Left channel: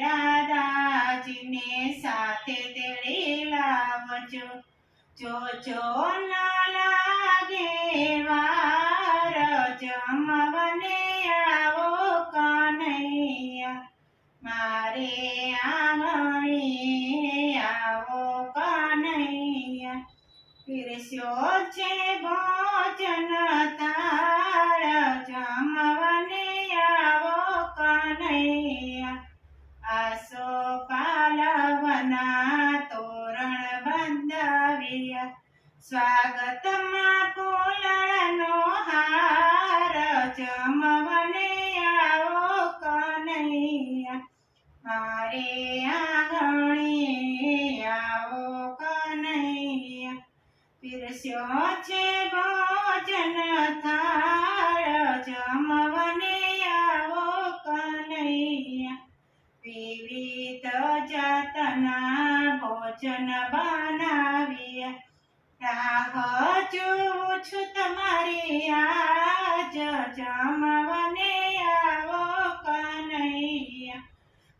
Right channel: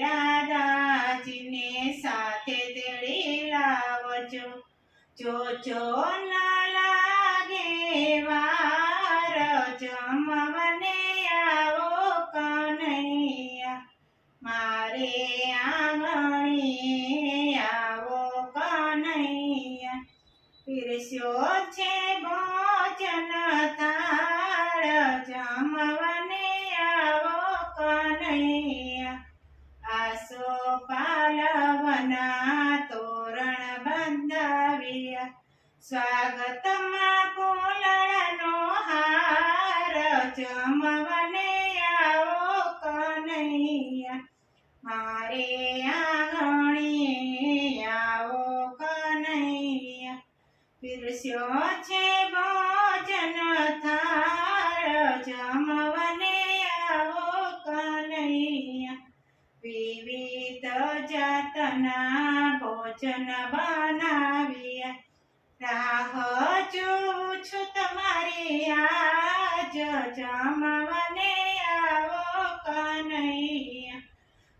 રાધાજીને સાથે તેડી લાવજો, જો ન લાગે વાર જમવાને આવો કનૈયા, મારે આંગણે આવો કનૈયા, પીરસ્યો છે ભોજન થાળ જમવાને આવો કનૈયા, આસો પાલવના તોરણ બંધાવ્યા, સ્વાગતમાં ફૂલનો હાર જમવાને આવો કનૈયા, મારે આંગણે આવો કનૈયા, પીરસ્યો છે ભોજન થાળ જમવાને આવો કનૈયા, વિવિધ જાતના ભોજન બનાવ્યા, રાહ જોઉં છું તમારી આજ જમવાને આવો કનૈયા,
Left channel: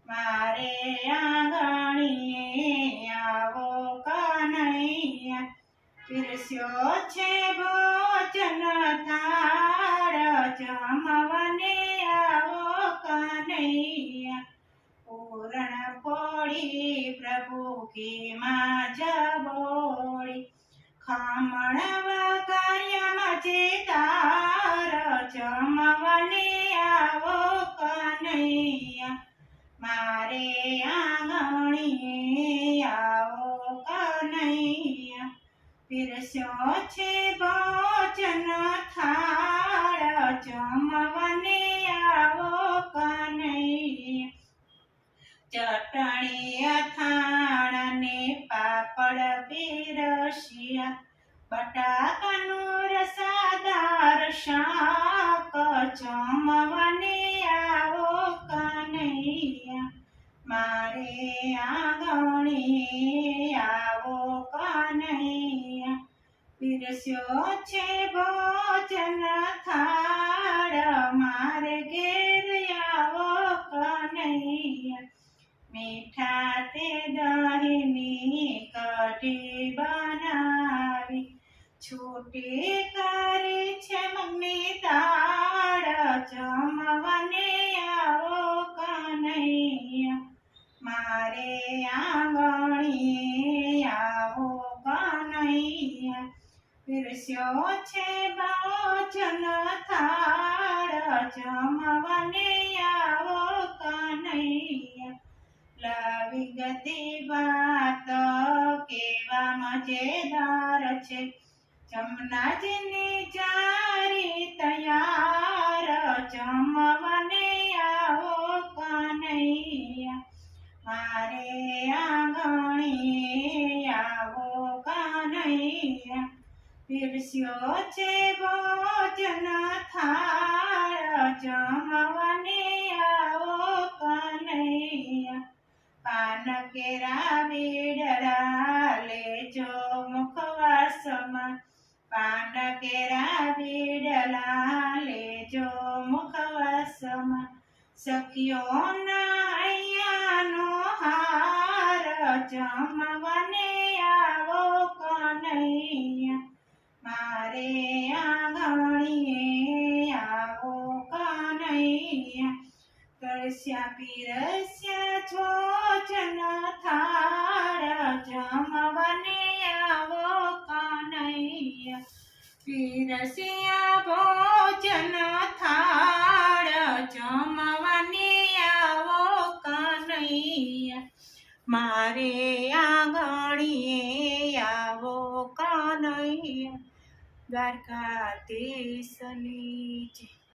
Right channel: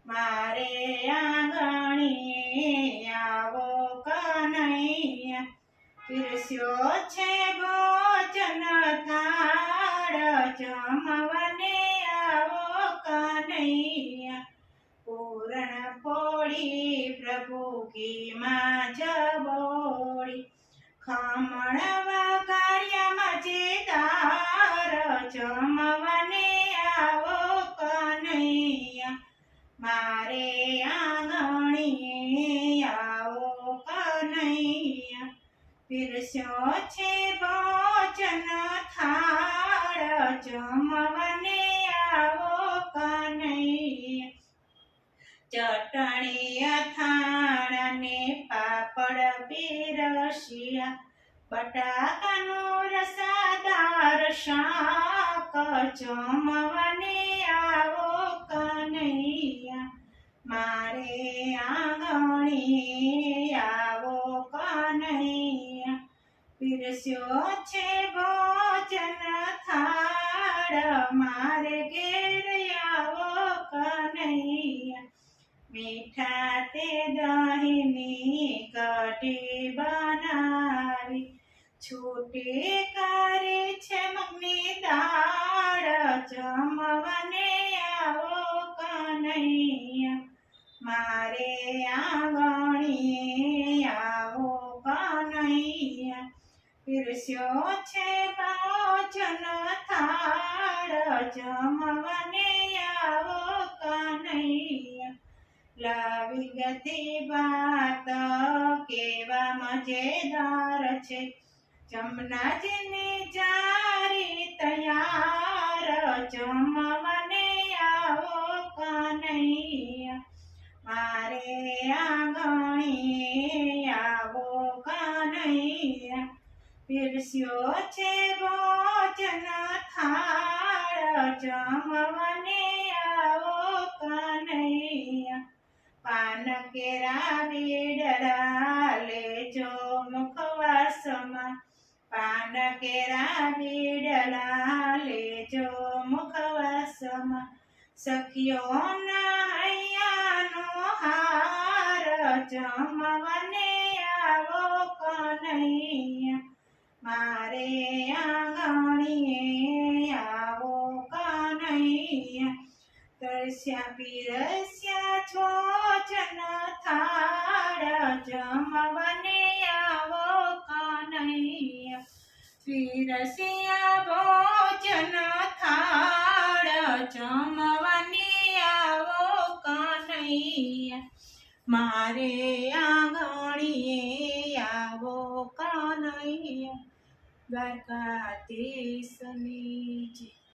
મારે આંગણે આવો કનૈયા, પીરસ્યો છે ભોજન થાળ જમવાને આવો કનૈયા, પૂરણ પોળી પ્રભુ ઘીમાં જબોળી, ખમણ વઘાર્યા મજેદાર જમવાને આવો કનૈયા, મારે આંગણે આવો કનૈયા, પીરસ્યો છે ભોજન થાળ જમવાને આવો કનૈયા, ચટણી અથાણાં ને પાપડ પીરસ્યા, બટાકાનું રસાદાર શાક જમવાને આવો કનૈયા, મારે આંગણે આવો કનૈયા, પીરસ્યો છે ભોજન થાળ મારે ઘેર આવો કનૈયા, મીઠા તે દહીંની કઢી બનાવી, છૂટી કરી છે મગની દાળ જમવાને આવો કનૈયા, મારે આંગણે આવો કનૈયા, પીરસ્યો છે ભોજન થાળ જમવાને આવો કનૈયા, લાવી ગતી વાત કેવા મજેદાર છે, જમનાજીની જારી તૈયાર જમવાને આવો કનૈયા, મારે આંગણે આવો કનૈયા, પીરસ્યો છે ભોજન થાળ જમવાને આવો કનૈયા, પાન કેરા બીડરા લેજો મુખવાસમાં, પાન કેરા બીડલા લેજો મુખવાસમાં, સખીઓના હૈયાનો હાર જમવાને આવો કનૈયા, મારે આંગણે આવો કનૈયા, તરસ્યા પીરસ્યા ભોજન થાળ જમવાને આવો કનૈયા, પીરસ્યા ભોજન થાળ જમવાને આવો કનૈયા, મારે આંગણે આવો કનૈયા, દ્વારકાધીશની જય।